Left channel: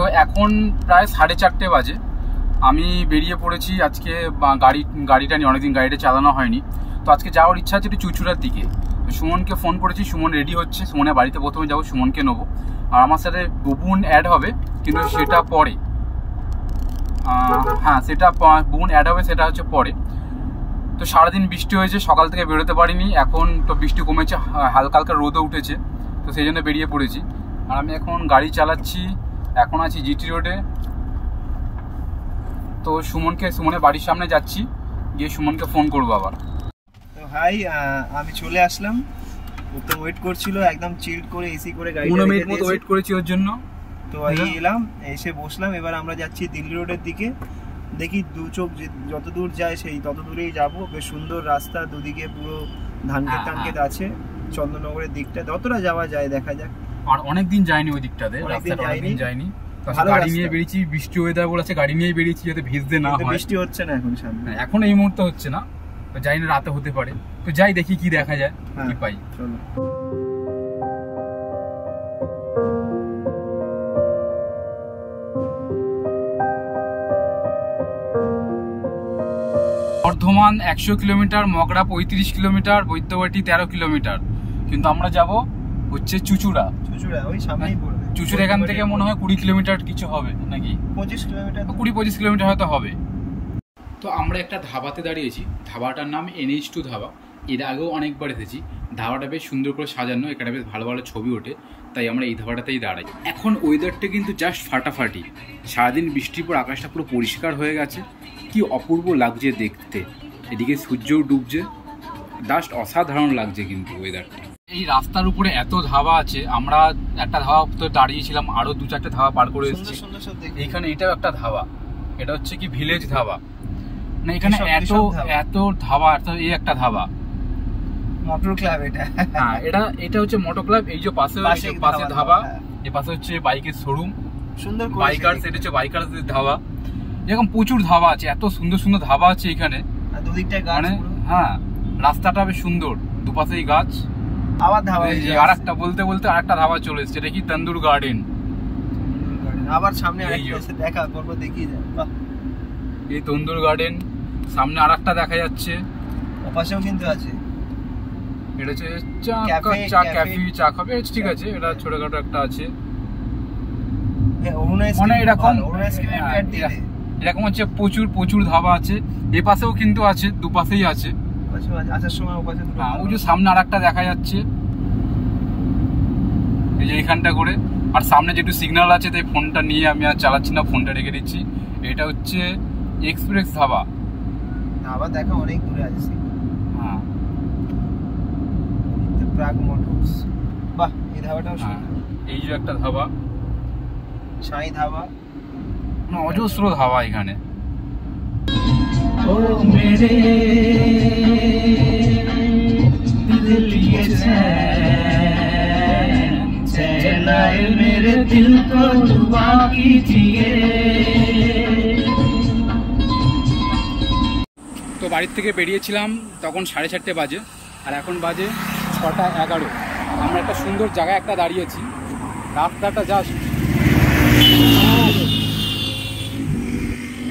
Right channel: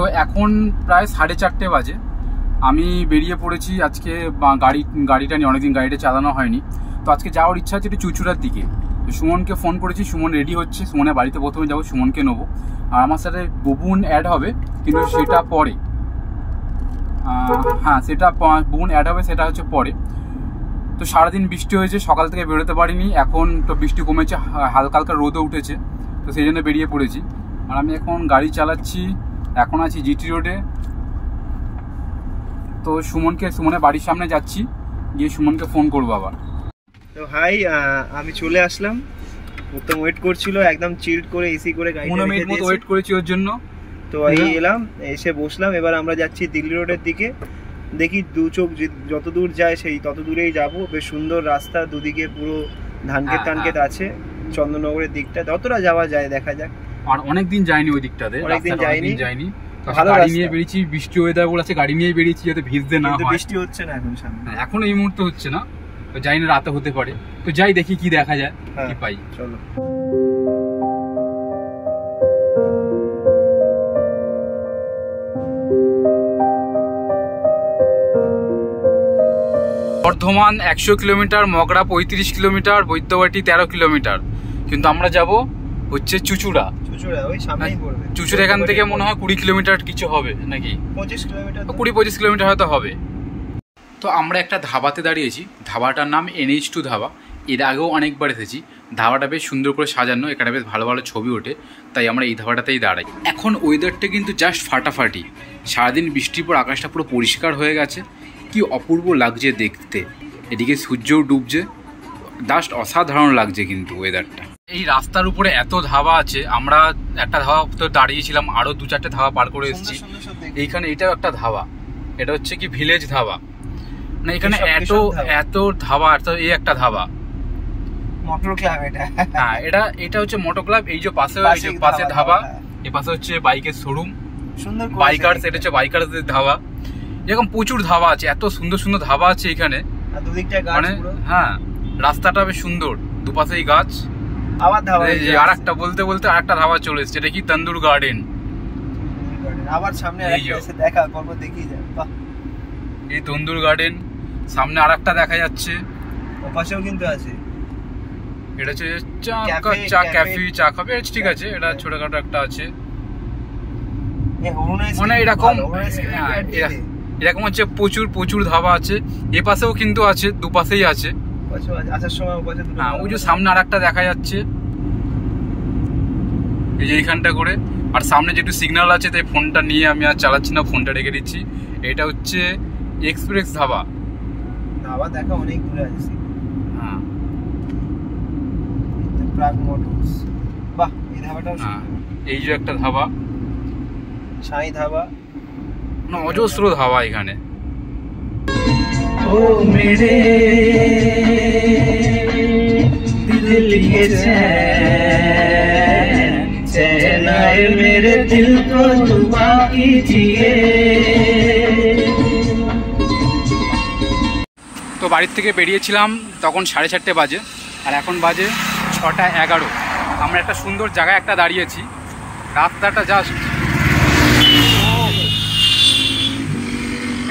তো এখন প্রায় 4:30 বাজে। আমি বেরিয়ে পড়েছি আজকে। গাড়িটা নিয়ে অনেকদিন গাড়িটা চালানো হয়নি, তো আজকে যাওয়ার ইচ্ছা আছে একটু চুচুড়ার দিকে। তো সুমনকে ফোন করেছি, সুমন রেডি হচ্ছে। সুমনের বাড়িতে প্রথমে যাবো, সুমনকে নেবো। আর আমার সাথে বুবুন অ্যাড হবে, কিন্তু সেটা পরে। হ্যাঁ, সেটা বুবুন অ্যাড হবে, সেটা হচ্ছে পরে। তো সারাদিন বৃষ্টি হয়েছে, সকাল থেকে বেরোতে পারিনি। এখন তো বৃষ্টি কমেছে, হালকা হালকা রোদও উঠেছে, তো সেই জন্য বেরিয়ে পড়েছি। আর আমি এখন গাড়ি চালাচ্ছি, এখন আছি জিটি রোডে। তো সুমনের বাড়ির সামনে যাচ্ছি, গিয়ে সুমনকে ফোন করবো আবার। তো হাই, আমি চলে আসলাম। উত্তম ওয়েট করছিল, একদম চিল্ড করে এসি করে গাড়ি 15 মিনিট মতো ওয়েট করেছি ওর জন্য। তো এই এলাম, এসে বসলাম। এবার আমরা যাচ্ছি দিল্লি রোডের দিকে। দেখি দু চোখ যত দূর যায় সেই তত দূরেই যাব। বেশ সুন্দর রাস্তা, দুদিকে পুরো ধানক্ষেত টানক্ষেত আছে। চন্দননগরের দিকটা যতটা যাওয়া যায় দেখা যাক। আর অনেকদিন যাইনি ওই দিকটাতে, অনেকদিন যাইনি। ভালো গাড়ি নিয়ে বেরিয়েছি, বৃষ্টি ওয়েদার বলেছে, গাড়ি নিয়ে বেরিয়েছি যাতে ভিজতে না হয়। বৃষ্টি হচ্ছে না এখন সামনে, এখন এই মুহূর্তে হচ্ছে না, তো যাই না, রাতে হতে পারে। তো যাই, দেখি কি দেখা যায়, কি পাই। চলো। Bardhaman 100 kilometre, Magra 35 kilometre, Baidyabati 13 kilometre. কিন্তু আমরা যাব হচ্ছে চুচুড়া। ওই সামনেই পড়বে। চুচুড়া এখান থেকে মনে হয় 20 কিলোমিটার কিছু হবে নাকি, 25 কিলোমিটার, 20-25 কিলোমিটার হয়তো হবে। তো আমরা একটা ধাবাতে দাঁড়িয়েছি, ধাবাটার নাম NH2 ধাবা। এর আগেও অনেকবার এসেছি। ধাবাটা বেশ সুন্দর করে সাজানো, এখানে বেশ ভালো ভালো ছবি ওঠে, তাই আমরা এই ধাবাটাতেই দাঁড়াই। এখন ওয়েদারটা কিন্তু জাস্ট ফাটাফাটি। সারাদিন বৃষ্টির পর আকাশটা পুরো পরিষ্কার হয়ে গেছে, কি অপূর্ব লাগছে দেখতে। এদিকে সূর্যও ডুবছে, জাস্ট অসাধারণ লাগছে কিন্তু ওয়েদারটা। এই রাস্তার উপরে এত ধাবা আছে, আমরা একটা ধাবা তো দাঁড়িয়েছিলাম, আরো 2-4টে ধাবা পার করে এসেছি। এইখানে এটাও একটা ধাবা, এটা হচ্ছে কি ভিলেজ ধাবা। মানে এখানে এত ধাবা, এই একটা ধাবা মোটর ক্লাব। হ্যাঁ, এটা হচ্ছে মোটর ক্লাব। এই যে পাশে ধাবা, এই পাশে হচ্ছে বাইকের শোরুম, সুন্দর বাইকার্স। এটা হচ্ছে বাইকার্সদের ধাবা। এরকম প্রচুর ধাবা আছে, এত সুন্দর সুন্দর ধাবা আছে এখানে। মানে হ্যাঁ, রাস্তাটা বেশ সুন্দর, দুপাশেই গাছ। আবার ধাবা, আর একটা বলতে বলতে আরেকটা ধাবা চলে এসেছে, এটা কি তন্দুর গার্ডেন। আবার সামনে এসে দেখা করবো, দেখি এই তন্দুর গার্ডেন। সামনে আরেকটা দেখা যাচ্ছে, ওপাশেও কিন্তু আছে। এটা হচ্ছে চা খাবে, ঠিক আছে। এটা ছোটখাটো একটা আছে, মানে এরকম এরকম হচ্ছে প্রচুর ধাবা আছে। এ পাশেও কিন্তু আছে, দুপাশেই আছে। হ্যাঁ, ওই যে সামনে আরেকটা দেখা যাচ্ছে, এই যে এইখানটা করে। আর সামনে যেটু সিগন্যাল আছে, তাই ফোনটা নিয়ে আমি আর চালাচ্ছি না, ফোনটা রেখে দিচ্ছি। এটা হচ্ছে এক্সপ্রেস ধাবা। দেখা অনেক দূরে আছে। হ্যাঁ, বাহ, এই ধাবাটাও। হ্যাঁ, এই যে একটা ধাবা, সাই ধাবা। অজস্র ধাবা এখানে। ও মেরে দিল के चैन आए मेरे दिल को दुआ कीजिए। তো বাড়ির থেকে বেরিয়েছিলাম তখন 4:30 বাজে, আর এখন বাজে 6:11। আমরা একটা সুন্দর জায়গায় একটা দাঁড়িয়েছি, রাস্তাটা জাস্ট।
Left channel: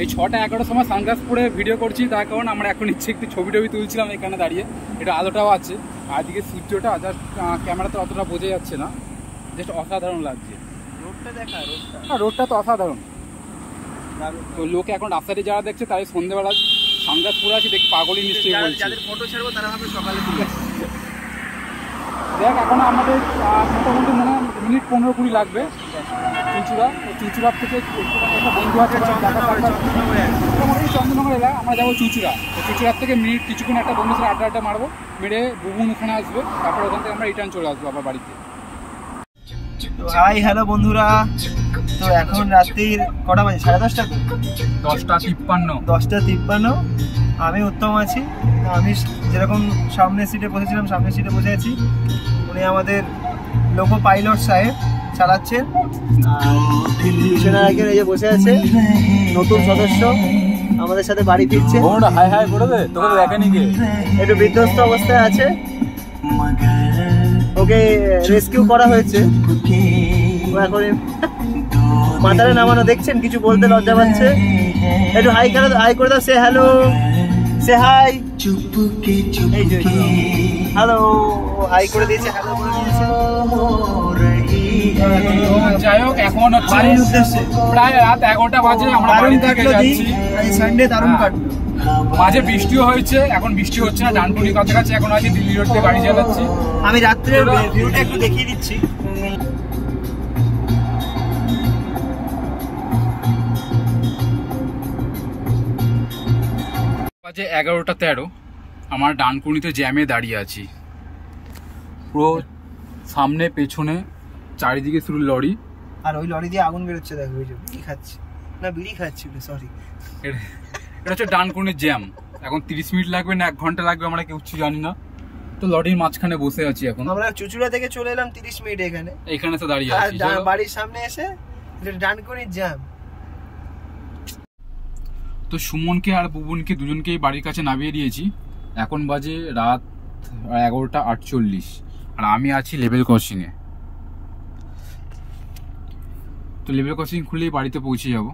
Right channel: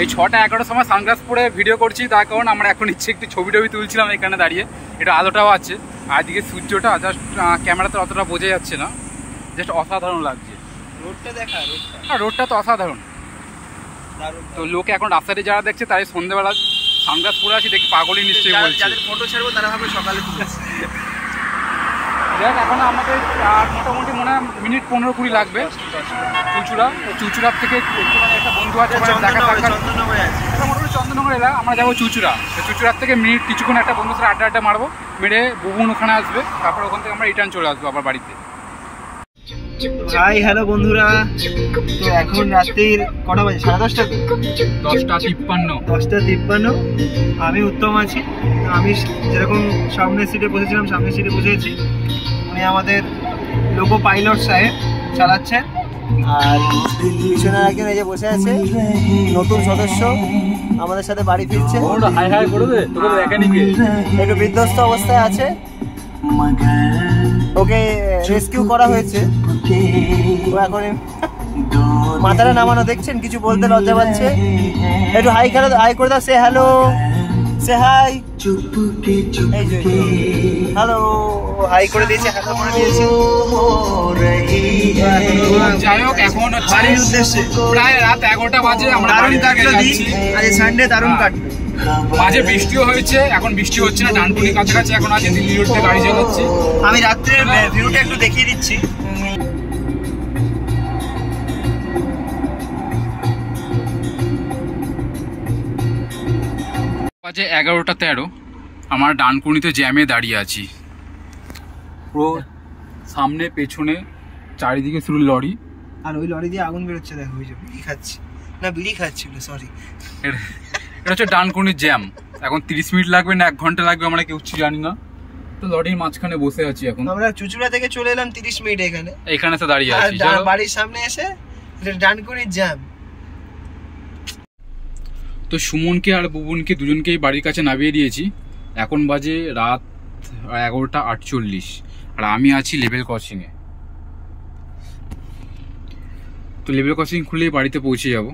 এই 6:11 সময় সানগ্লাস পরে ভিডিও করছি, তার কারণ আমরা এখন ইচ্ছে একটু ছবি তুলছিলাম এখানে দাঁড়িয়ে। এটা আলোটাও আছে, আর এদিকে সূর্যটা জাস্ট ক্যামেরাতে অতটা বোঝা যাচ্ছে না, জাস্ট অসাধারণ লাগছে। রোডটা তো অসাধারণ। তো লোকে এখন রাস্তাতে যারা দেখছে, তাই সন্ধ্যেবেলা সানগ্লাস পরে আছি, দেখি পাগলই নিশ্চয়ই বলছে। যাদের ফটো ছাড়বো তারা ভাবে সকালে তুলেছে। দেখ, এখন আমাদের মোটামুটি মনে হয় মিনিট 15-20 লাগবে চুচুড়ার থেকে। একটা বন্ধু আছে, মোটামুটি চন্দননগর এলাকা, আমরা যাবো চুচুড়া। তো চুচুড়ার থেকে মিনিট কিছুক্ষণ একটা বন্ধুর সাথে আড্ডা মারবো, মেরে বুবুন ওখানে আসবে, তারপর ওখান থেকে আমরা রিটার্ন চলে আসবো আবার বাড়িতে। হাই, হ্যালো বন্ধুরা। তো এখন রাত্রির কটা বাজে? 10:30। 10:53। আমি উত্তম আছি। আমি যেরকম সামনের সিটে বসেছিলাম, সামনের সিটে বসে আছি। উনি আমাদের লোকো পাইলট সাহেব চালাচ্ছেন। আর পিছনে একজন এই যে বসে আছে, নতুন সদস্য আমাদের সাথে বাড়ি ফিরছে। একটু বিধ্বস্ত অবস্থায় আছে, ওকে রেস্কিউ করা হয়েছে। এখন মাথাটা নামানো দেখছেন, কিছু বলতে লজ্জা পাচ্ছে। একটু হাই করে দাও, সে হ্যালো, সে হাই, হ্যালো, হাই করে দিয়েছে, হ্যালো করে দিয়েছে। যাই হোক, এখন হচ্ছে বাড়ির উদ্দেশ্যে প্রায় রাত 11টা বাজে, আমরা দারুণ বাড়ি থেকে কাটলো দিন, যাচ্ছি। আজ সানডে দারুণ কাটলো। মাঝে বৃষ্টিও হয়েছে, এখন বৃষ্টি হচ্ছে না, ডানকুনি কাছাকাছি এখন আছে, দিল্লি রোড থেকে গাড়ি চালাচ্ছি। আমি রাত্রের ভিউটা একটু দেখিয়ে দিচ্ছি। বাজে 11:13, আমার ডানকুনিতে জ্যামে দাঁড়িয়ে আছি। পুরো সামনে পেছনে চারিদিকে শুধু লরি। আর ওই লরি দিয়ে আগুন বেরোচ্ছে, দেখো ওই যে বিড়ি খাচ্ছি, না বিড়ি খাচ্ছিল, সরি। এটা হচ্ছে ডানকুনির জ্যাম। এখন 30 মিনিট লাগবে না 1 ঘন্টা লাগবে আমরা কেউ জানি না। তো লরির মাঝখানে বসে আছি এখন। আমরা চুচুড়া থেকে চলে এলাম 30 মিনিট এখানে, এইখানে তো দাঁড়িয়ে আর আছি। চলো। বাড়ির সামনে এসে ডানকুনির জ্যাম। তো সুমনকে আর বুবুনকে দুজনকেই বাড়ির কাছে নামিয়ে দিয়েছি। এখন বাজে রাত 11:48, আর আমি আছি লেভেল ক্রসিংয়ে। তো লেভেল ক্রসিং খুলেই বাড়িতে পৌঁছে যাব।